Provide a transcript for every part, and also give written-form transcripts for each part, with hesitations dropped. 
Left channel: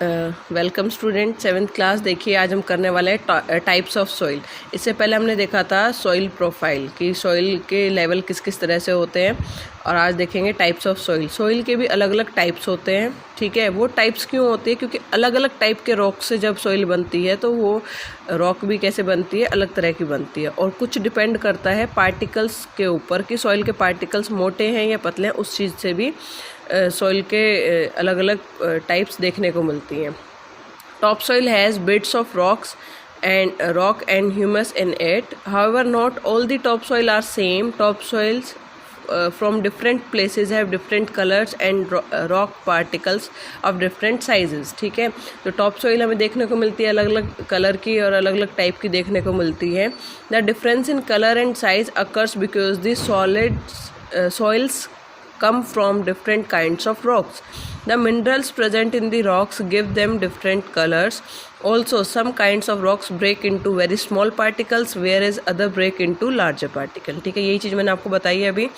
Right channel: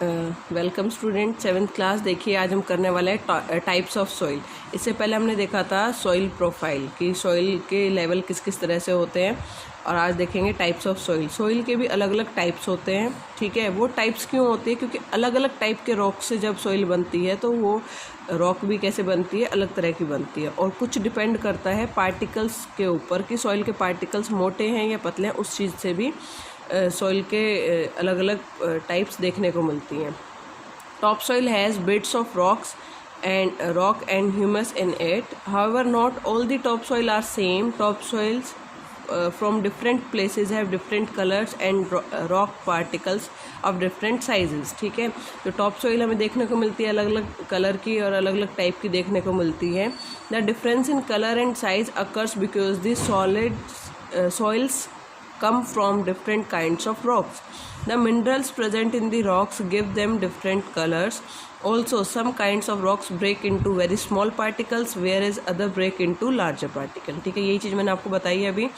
Welcome student, 7th class. देखिए आज हम करने वाले हैं टाइप्स ऑफ सॉइल। इससे पहले हमने देखा था सॉइल प्रोफाइल कि सॉइल के लेवल किस किस तरह से होते हैं, और आज देखेंगे टाइप्स ऑफ सॉइल। सॉइल के भी अलग अलग टाइप्स होते हैं, ठीक है। वो टाइप्स क्यों होती है? क्योंकि अलग अलग टाइप के रॉक से जब सॉइल बनती है तो वो रॉक भी कैसे बनती है, अलग तरह की बनती है। और कुछ डिपेंड करता है पार्टिकल्स के ऊपर कि सॉइल के पार्टिकल्स मोटे हैं या पतले हैं। उस चीज़ से भी सॉइल के अलग अलग टाइप्स देखने को मिलती हैं। Top soil has bits of rocks and humus in it. However not all the top soil are same. Top soils from different places have different colours and rock particles of different sizes, ठीक है। तो top soil हमें देखने को मिलती है अलग अलग कलर की और अलग अलग टाइप की देखने को मिलती है। The difference in colour and size occurs because the solid soils come from different kinds of rocks. The minerals present in the rocks give them different colors. Also, some kinds of rocks break into very small particles, whereas other break into larger particles. ठीक है, यही चीज़ मैंने आपको बताई है अभी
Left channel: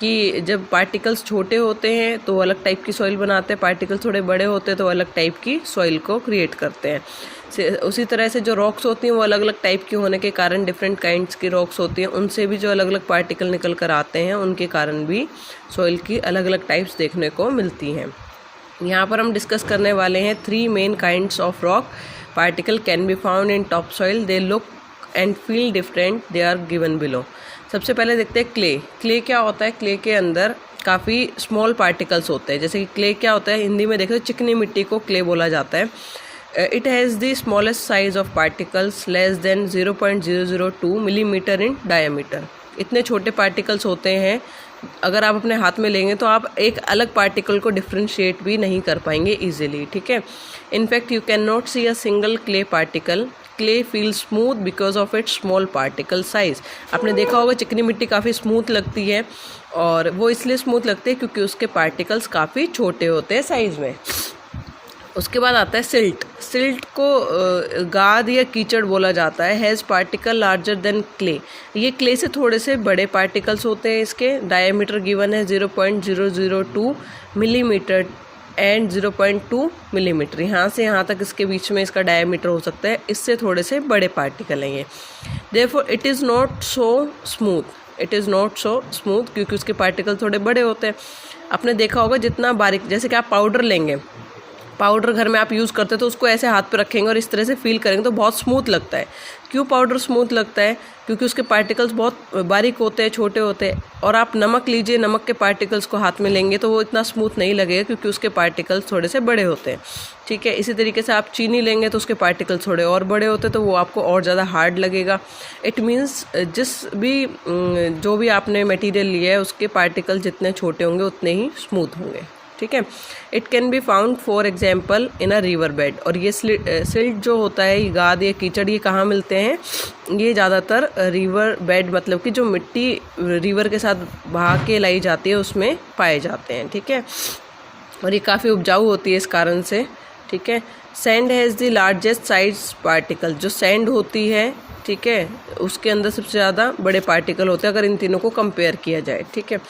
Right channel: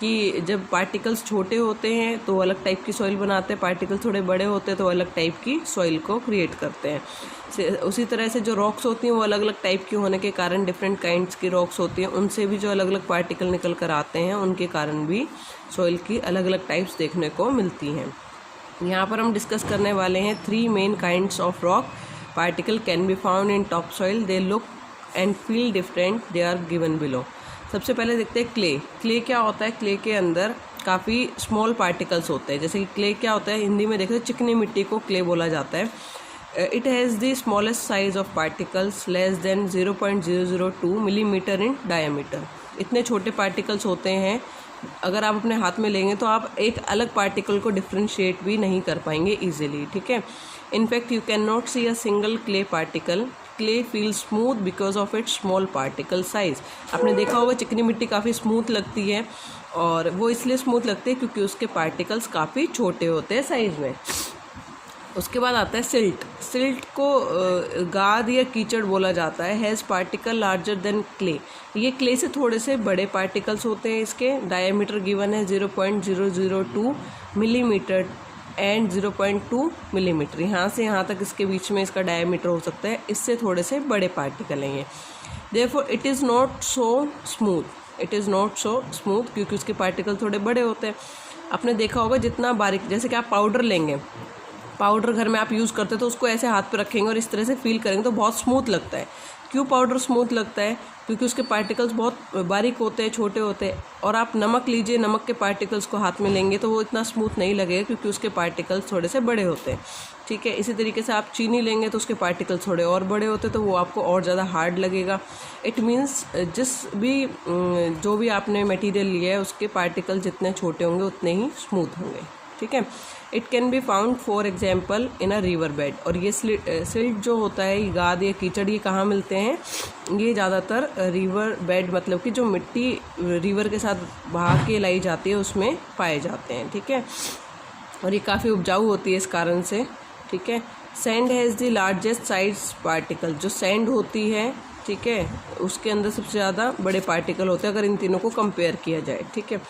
कि जब पार्टिकल्स छोटे होते हैं तो अलग टाइप की सॉइल बनाते हैं, पार्टिकल थोड़े बड़े होते हैं तो अलग टाइप की सॉइल को क्रिएट करते हैं। उसी तरह से जो रॉक्स होती हैं वो अलग अलग टाइप की होने के कारण डिफरेंट काइंड्स की रॉक्स होती हैं, उनसे भी जो अलग अलग पार्टिकल निकल कर आते हैं उनके कारण भी सॉइल की अलग अलग टाइप्स देखने को मिलती हैं। यहाँ पर हम डिस्कस करने वाले हैं 3 main kinds of rock particle can be found in top soil. They look and feel different, they are given below. सबसे पहले देखते हैं क्ले। क्ले क्या होता है? क्ले के अंदर काफ़ी स्मॉल पार्टिकल्स होते हैं। जैसे कि क्ले क्या होता है, हिंदी में देखो चिकनी मिट्टी को क्ले बोला जाता है। It has the smallest size of particles less than 0.002 millimetre in diameter. इतने छोटे पार्टिकल्स होते हैं, अगर आप अपने हाथ में लेंगे तो आप एक अलग पार्टिकल को डिफ्रेंशिएट भी नहीं कर पाएंगे इजीली, ठीक है। In fact you can not see a single clay particle. Clay feel smooth because of its small particle size. आपने देखा होगा चिकनी मिट्टी काफ़ी स्मूथ लगती है, और वो इसलिए स्मूथ लगती है क्योंकि उसके पार्टिकल्स काफ़ी छोटे होते हैं साइज़ में। उसके बाद आता है सिल्ट। सिल्ट को गाद या कीचड़ बोला जाता है। Has particle larger than clay. ये क्ले से थोड़े से बड़े पार्टिकल्स होते हैं। इसके डायमीटर गिवन है 0.002 मिलीमीटर एंड 0.2 मिलीमीटर। यहाँ से यहाँ तक इसके बीच में इसका डायमीटर हो सकता है। इससे थोड़े से बड़े पार्टिकल हैं ये। Therefore it is not so smooth. It is not so smooth क्योंकि उसके पार्टिकल थोड़े बड़े होते हैं। आपने देखा होगा जितना बारीक, जैसे कि आप पाउडर लेंगे, पाउडर घर में आप यूज़ करते हैं तो उसको ऐसे हाथ पे रखेंगे और इस तरह से फील करेंगे तो बहुत स्मूथ लगता है। क्यों पाउडर स्मूथ लगता है? क्योंकि उसके पार्टिकल्स बहुत बारीक होते हैं, छोटे होते हैं। और आप नमक लीजिए, नमक के पार्टिकल्स को हाथ में लेंगे तो वो इतना स्मूथ नहीं लगेगा क्योंकि उसके पार्टिकल्स थोड़े से बड़े होते हैं, ठीक है। इसी तरीके से आप चीनी लेंगे तो उसके पार्टिकल्स थोड़े और बड़े होते हैं तो वो आपको और ज़्यादा हार्ड लगेगा। इट मीन्स जो भी आपने मटेरियल लिया है उसके पार्टिकल जितने छोटे होंगे उतने ही स्मूथ होंगे, ठीक है। It can be found for example in a river bed. और ये सिल्ट जो होता है, ये गाद या कीचड़, ये कहाँ मिलते हैं? ये ज़्यादातर रिवर बेड, मतलब कि जो मिट्टी रिवर के साथ बहा के लाई जाती है उसमें पाए जाते हैं, ठीक है। और ये काफ़ी उपजाऊ होती है इस कारण से, ठीक है। Sand has the largest size particle. जो सैंड होती है, ठीक है, उसके अंदर सबसे ज़्यादा बड़े पार्टिकल होते हैं अगर इन तीनों को कंपेयर किया जाए, ठीक है।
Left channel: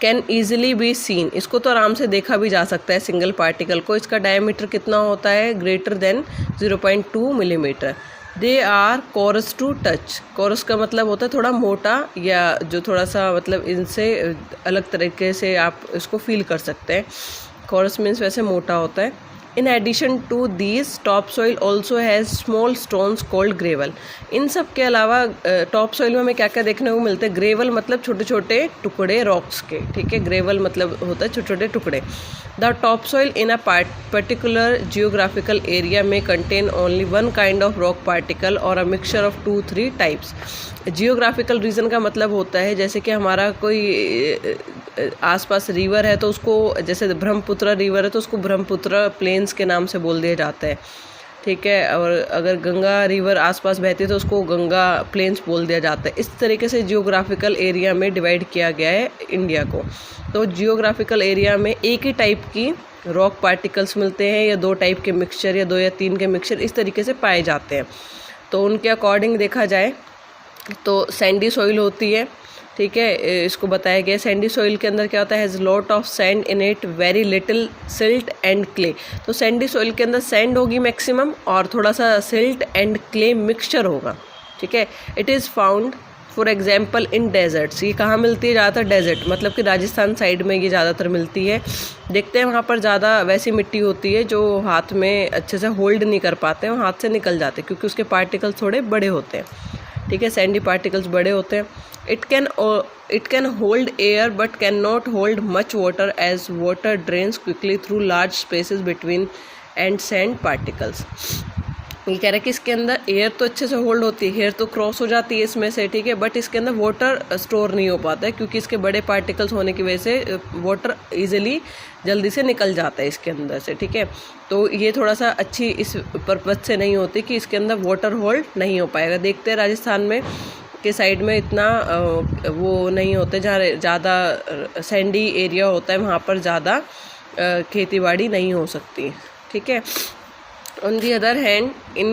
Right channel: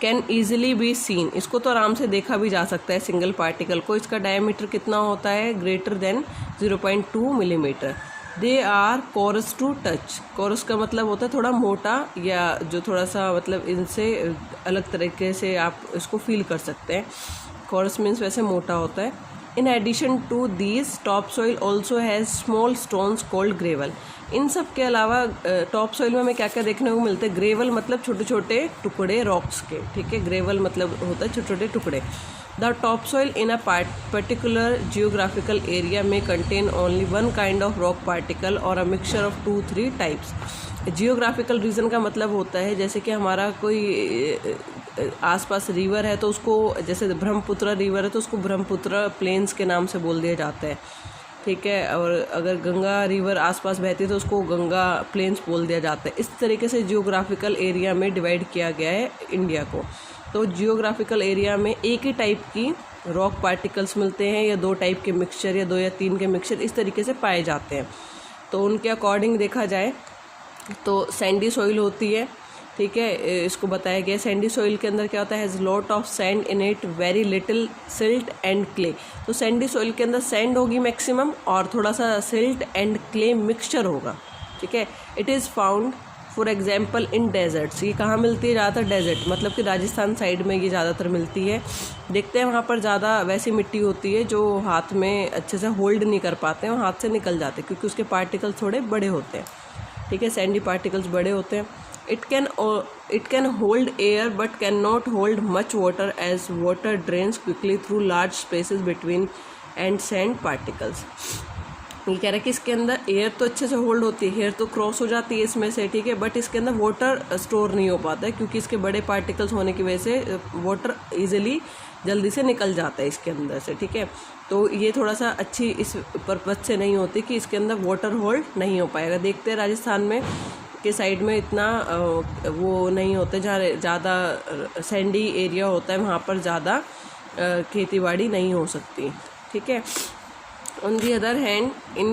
Can easily be seen. इसको तो आराम से देखा भी जा सकता है सिंगल पार्टिकल को। इसका डायमीटर कितना होता है? Greater than 0.2 millimetre. They are coarse to touch. Coarse का मतलब होता है थोड़ा मोटा, या जो थोड़ा सा मतलब इनसे अलग तरीके से आप इसको फील कर सकते हैं। कोरस मीन्स वैसे मोटा होता है। In addition to these top soil also has small stones called gravel. इन सब के अलावा टॉप सॉइल में हमें क्या क्या देखने को मिलते हैं? ग्रेवल मतलब छोटे छोटे टुकड़े रॉक्स के, ठीक है। ग्रेवल मतलब होता है छोटे छोटे टुकड़े। The top soil in a particular geographical area में contain only one kind of rock particle और a mixture of 2-3 types. Geographical region का मतलब होता है जैसे कि हमारा कोई आसपास रिवर है तो उसको, जैसे ब्रह्मपुत्र रिवर है तो उसको ब्रह्मपुत्र प्लेन्स के नाम से बोल दिया जाता है, ठीक है। और अगर गंगा रिवर आसपास बहती है तो उसको गंगा प्लेन्स बोल दिया जाता है। इस तरीके से जियोग्राफिकल एरिया में डिवाइड किया गया है इंडिया को। तो जियोग्राफिकल एरिया में एक ही टाइप की रॉक पार्टिकल्स मिलते हैं या 2 टाइप के मिक्सचर या 2 या 3 के मिक्सचर इस तरीके से पाए जाते हैं। तो उनके अकॉर्डिंग देखा जाए तो सैंडी सॉइल होती है, ठीक है। इसको बताया गया सैंडी सॉइल के अंदर क्या होता है, has lot of sand in it, very little silt and clay. तो सैंडी सॉइल के अंदर सैंड होगी मैक्सिमम और थोड़ा सा सिल्ट एंड क्ले मिक्सचर होगा, ठीक है। It is found for example in desserts, ये कहाँ मिलती है ज़्यादातर, डेजर्ट मतलब कि राजस्थान साइड में ये ज़्यादातर मिलती है। देखते हैं वहाँ पर ज़्यादा वैसी मिट्टी होती है जो हाथ में अच्छे से होल्ड नहीं कर पाते हैं, हाथ से निकल जाते हैं क्योंकि उसके पार्टिकल्स थोड़े बड़े होते हैं, ठीक है, सैंडी पार्टिकल्स बड़े होते हैं। It can hold air but can not hold much water as water drains quickly through large spaces between and sand particles. ये कह रहा है कि इसके अंदर एयर तो अच्छे से होल्ड होती है, एयर तो क्रॉस हो जाती है इसमें से, ठीक है, बट इसके अंदर वाटर स्टोर नहीं हो पाता है क्योंकि इसके बड़े पार्टिकल्स होने की वजह से वाटर ईजिली जल्दी से निकल जाता है इसके अंदर से, ठीक है। तो ये थोड़ा सा अच्छी इस पर्पज से नहीं होती कि इसके अंदर वाटर होल्ड नहीं हो पाएगा। देखते हैं राजस्थान में के साइड में इतना वो नहीं होते, जहाँ ज़्यादा सैंडी एरिया होता है वहाँ पर ज़्यादा खेती बाड़ी नहीं हो सकती, ठीक है। On the other hand, in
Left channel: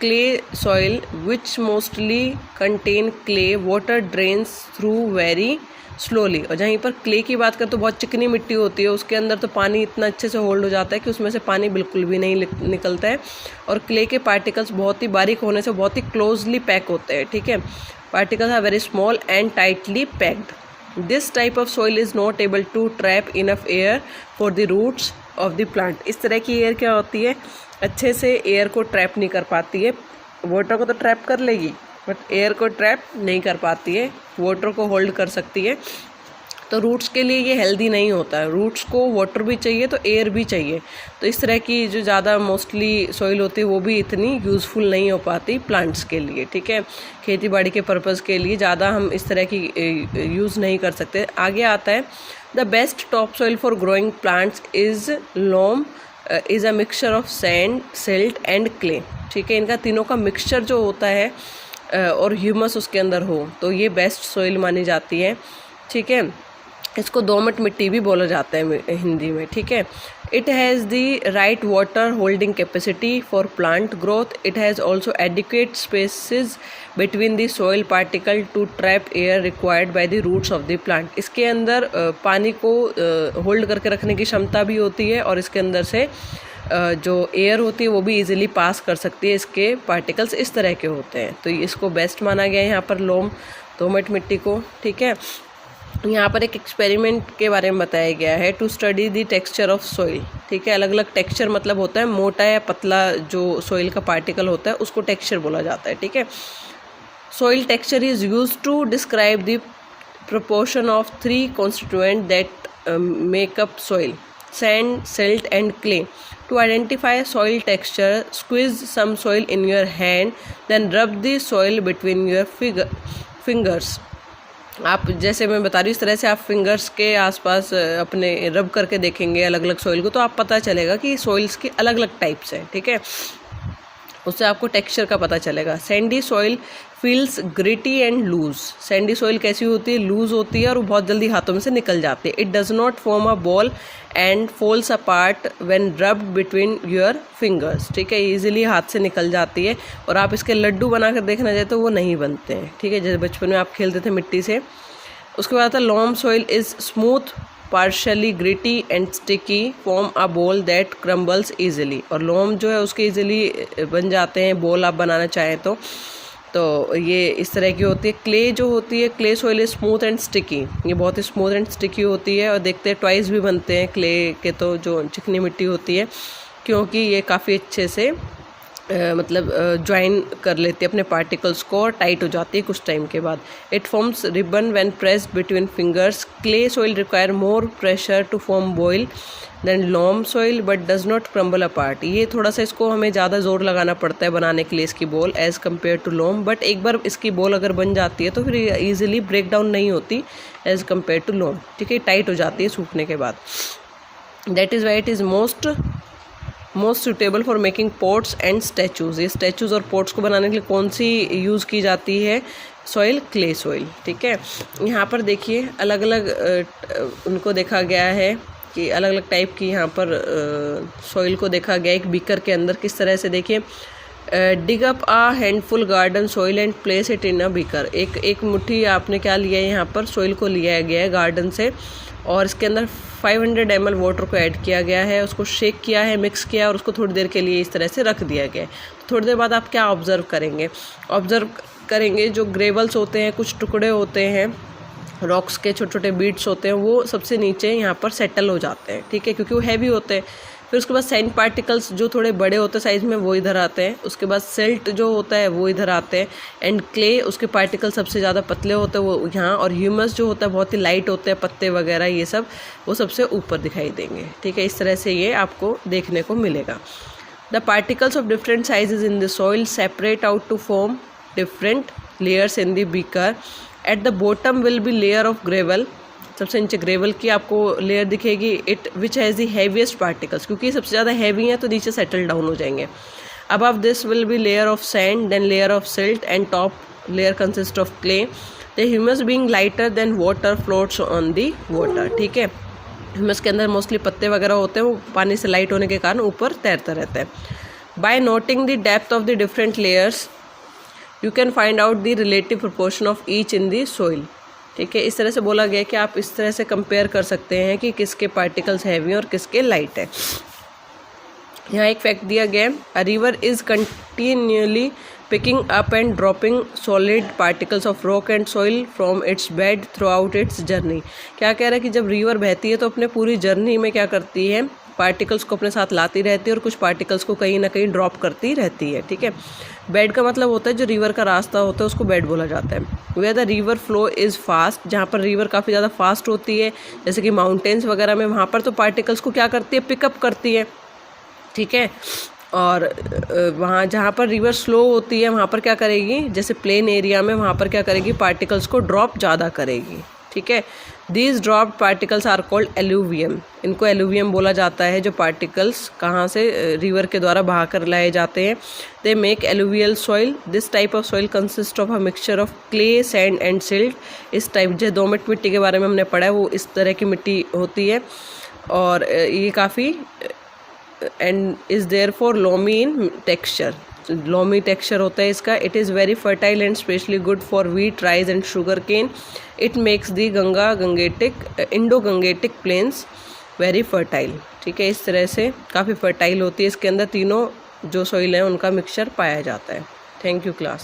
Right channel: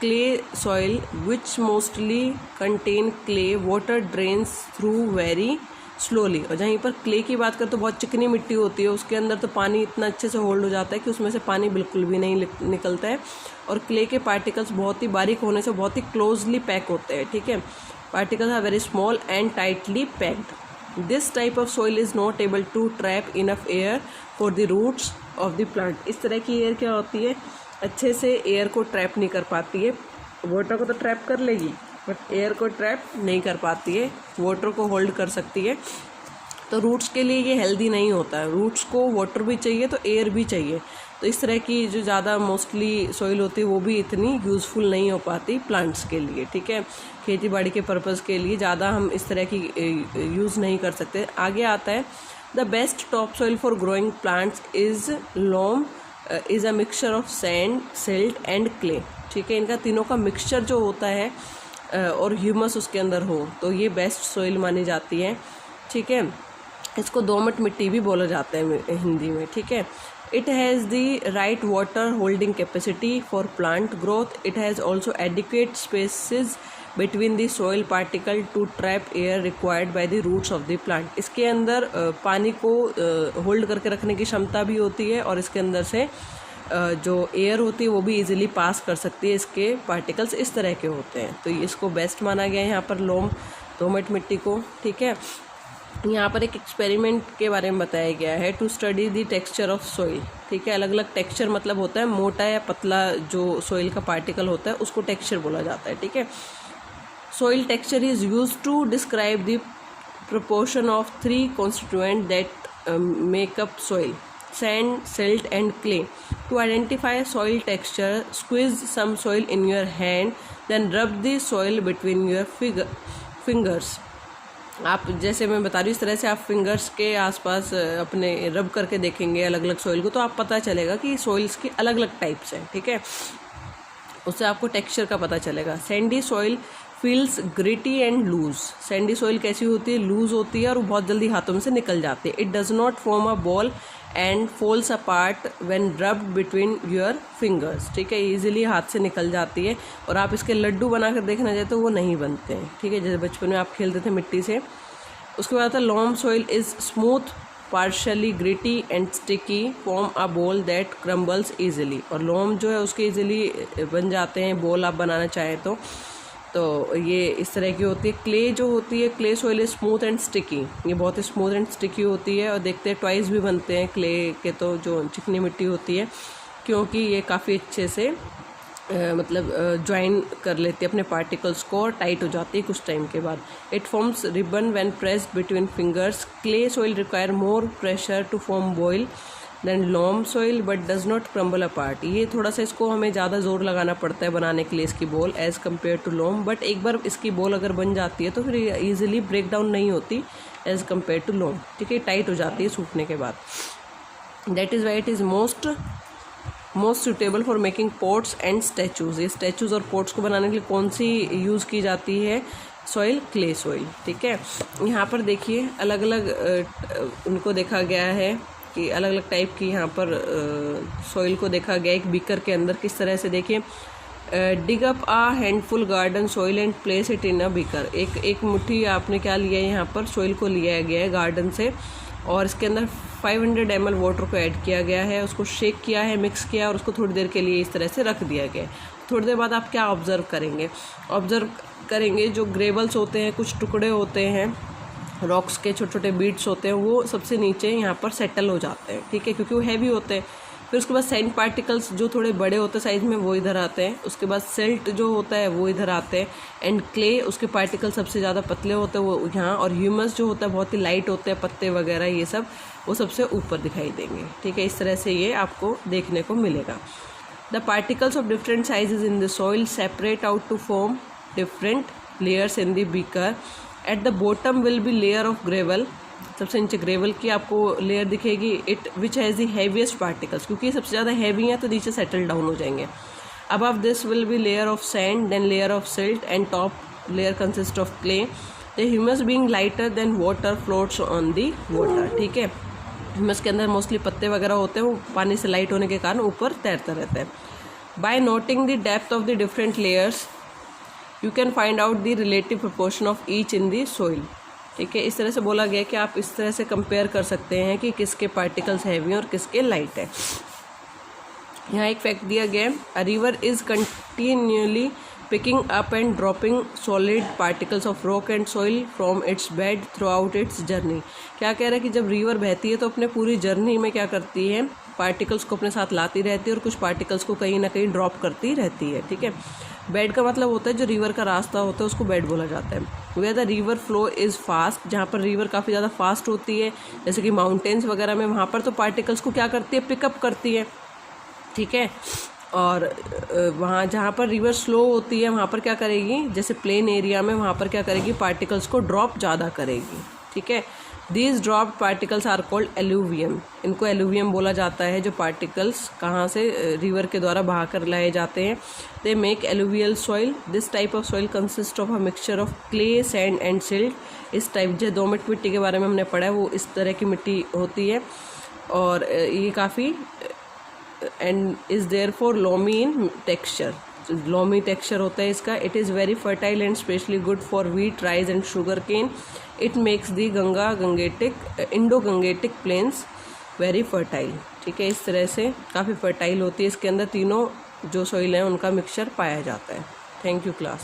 clay soil, which mostly contain clay, water drains through very slowly। और जहीं पर क्ले की बात करें तो बहुत चिकनी मिट्टी होती है, उसके अंदर तो पानी इतना अच्छे से होल्ड हो जाता है कि उसमें से पानी बिल्कुल भी नहीं निकलता है। और क्ले के पार्टिकल्स बहुत ही बारीक होने से बहुत ही क्लोजली पैक होते हैं, ठीक है। Particles are very small and tightly packed. This type of soil is not able to trap enough air for the roots of the plant. इस तरह की एयर क्या होती है, अच्छे से एयर को ट्रैप नहीं कर पाती है। वाटर को तो ट्रैप कर लेगी बट एयर को ट्रैप नहीं कर पाती है, वाटर को होल्ड कर सकती है। तो रूट्स के लिए ये हेल्दी नहीं होता है, रूट्स को वाटर भी चाहिए तो एयर भी चाहिए। तो इस तरह की जो ज़्यादा मोस्टली सॉइल होती है वो भी इतनी यूज़फुल नहीं हो पाती प्लांट्स के लिए, ठीक है। खेती बाड़ी के पर्पज़ के लिए ज़्यादा हम इस तरह की यूज़ नहीं कर सकते। आगे आता है the best top soil for growing plants is loam is a mixture of sand, silt and clay, ठीक है। इनका तीनों का मिक्सचर जो होता है और ह्यूमस उसके अंदर हो तो ये बेस्ट सॉइल मानी जाती है, ठीक है। इसको दोमट मिट्टी भी बोला जाता है हिंदी में, ठीक है। It has the right water holding capacity for plant growth. It has also adequate spaces between the soil particle to trap air required by the roots of the plant. इसके अंदर पानी को होल्ड करके रखने की क्षमता भी होती है और इसके अंदर से जो एयर होती है वो भी इजीली पास कर सकती है। इसके पार्टिकल्स इस तरह के होते हैं, तो इसको बेस्ट माना गया है यहाँ पर लोम दोमट मिट्टी को, ठीक है। यहाँ पर एक एक्सपेरिमेंट के बारे में बताया गया है to study the texture of soil, ठीक है। अलग अलग टेक्सचर मतलब होता है, मोटा या पतला जो सॉइल का पार्टिकल होता है उसको टेक्सचर बोला जाता है, ठीक है। Soil texture is used to describe the proportion of three constituents that make up soil: sand, silt, and clay. To identify soil texture, squeeze some soil in your hand, then rub the soil between your fingers. आप जैसे मैं बता रही हूँ इस तरह से आप फिंगर्स के आसपास अपने रब करके देखेंगे अलग अलग सॉइल को, तो आप पता चलेगा कि सॉइल्स की अलग अलग टाइप्स हैं, ठीक है। उससे आपको टेक्सचर का पता चलेगा। Sandy soil feels gritty and loose. Sandy soil कैसी होती है, लूज होती है और वो बहुत जल्दी हाथों में से निकल जाती है। It does not form a ball and falls apart when rubbed between your fingers, ठीक है। ईजिली हाथ से निकल जाती है और आप इसके लड्डू बना कर देखना चाहे तो वो नहीं बनते हैं, ठीक है, जैसे बचपन में आप खेलते थे मिट्टी से। उसके बाद आता है Lomb soil is smooth, partially gritty and sticky, form a ball that crumbles easily. और लोम जो है उसके ईजिली बन जाते हैं बॉल आप बनाना चाहें तो ये इस तरह की होती है। क्ले जो होती है, clay soil is smooth and sticky, ये बहुत ही स्मूथ एंड स्टिकी होती है। और देखते हैं ट्वाइस भी बनते हैं क्ले के, तो जो चिकनी मिट्टी होती है, क्योंकि ये काफ़ी अच्छे से मतलब ज्वाइन कर लेती है अपने पार्टिकल्स को और टाइट हो जाती है कुछ टाइम के बाद। It forms ribbon when pressed between fingers. Clay soil require more pressure to form ball than loam soil but does not crumble apart. ये थोड़ा सा इसको हमें ज़्यादा जोर लगाना पड़ता है बनाने के लिए इसकी ball as compare to loam, but एक बार इसकी बॉल अगर बन जाती है तो फिर ईजिली ब्रेक डाउन नहीं होती एज़ कम्पेयर टू लॉम, ठीक है, टाइट हो जाती है सूखने के बाद। That is why it is most suitable for making pots and statues. ये स्टैचूज़ और पॉट्स को बनाने के लिए कौन सी यूज़ की जाती है, सॉइल, क्ले सॉइल, ठीक है। यहाँ पर देखिए अलग अलग उनको देखा गया है कि अलग अलग टाइप की यहाँ पर सॉइल को देखा गया एक बीकर के अंदर। किस तरह से देखिए dig up a handful garden soil and place it in a beaker. एक मुट्ठी आपने क्या लिया है, यहाँ पर सॉइल को लिया गया है गार्डन से, और इसके अंदर 500 ml वाटर को ऐड किया गया है, उसको शेक किया है, मिक्स किया, और उसको थोड़ी देर के लिए इस तरह से रख दिया गया है। थोड़ी देर बाद आप क्या ऑब्ज़र्व करेंगे, जो ग्रेवल्स होते हैं, कुछ टुकड़े होते हैं रॉक्स के, छोटे छोटे बीट्स होते हैं, वो सबसे नीचे यहाँ पर सेटल हो जाते हैं, ठीक है, क्योंकि वो हैवी होते हैं। फिर उसके बाद सैंड पार्टिकल्स जो थोड़े बड़े होते हैं साइज़ में, वो इधर आते हैं। उसके बाद सिल्ट जो होता है वो इधर आते हैं, एंड क्ले, उसके पार्टिकल सबसे ज़्यादा पतले होते हैं वो यहाँ, और ह्यूमस जो होता है बहुत ही लाइट होते हैं, पत्ते वगैरह ये सब वो सबसे ऊपर दिखाई देंगे, ठीक है। इस तरह से ये आपको देखने को मिलेगा। The particles of different sizes in the soil separate out to form different layers in the beaker. At the bottom will be layer of gravel, सबसे नीचे ग्रेवल की आपको लेयर दिखेगी, it which has the heaviest particles, क्योंकि सबसे ज़्यादा heavy हैं तो नीचे सेटल डाउन हो जाएंगे। Above this will be layer of sand, then layer of silt, and top layer consist of clay. The humus being lighter than water floats on the water, ठीक है। ह्यूमस के अंदर mostly पत्ते वगैरह होते हैं, वो पानी से लाइट होने के कारण ऊपर तैरता रहता है। By noting the depth of the different layers you can find out the relative proportion of each in the soil, ठीक है। इस तरह से बोला गया कि आप इस तरह से कंपेयर कर सकते हैं कि किसके पार्टिकल्स हैवी हैं और किसके लाइट है। यहाँ एक फैक्ट दिया गया है, a river is continually picking up and dropping solid particles of rock and soil from its bed through out it's journey. क्या कह रहा है कि जब रिवर बहती है तो अपने पूरी जर्नी में क्या करती है, पार्टिकल्स को अपने साथ लाती रहती है और कुछ पार्टिकल्स को कहीं ना कहीं ड्रॉप करती रहती है, ठीक है। बेड का मतलब होता है जो रिवर का रास्ता होता है उसको बेड बोला जाता है। Where the river flow is fast, जहाँ पर रिवर काफ़ी ज़्यादा फास्ट होती है, जैसे कि माउंटेन्स वगैरह में, वहाँ पर तो पार्टिकल्स को क्या करती है, पिकअप करती है, ठीक है। और वहाँ जहाँ पर रिवर स्लो होती है वहाँ पर क्या करेगी, जैसे प्लेन एरिया में, वहाँ पर क्या करेगी, पार्टिकल्स को ड्रॉप ज़्यादा करेगी, ठीक है। These dropped particles are called alluvium, इनको एलुवियम बोला जाता है, जो पार्टिकल्स कहाँ से रिवर के द्वारा बहा कर लाए जाते हैं। They make alluvial soil, this type of soil consist of a mixture of clay, sand and silt. इस टाइप जो दोमट मिट्टी के बारे में हमने पढ़ा है वो इस तरह की मिट्टी होती है, और ये काफ़ी and is there for loamy in texture, loamy texture होता है इसका। It is very fertile and especially good for wheat, rice and sugar cane. It makes the Indo Gangetic plains very fertile, ठीक है। इस तरह से काफ़ी फर्टाइल होती है, इसके अंदर तीनों जो सॉइल हैं उनका मिक्सचर पाया जाता है। Thank you class.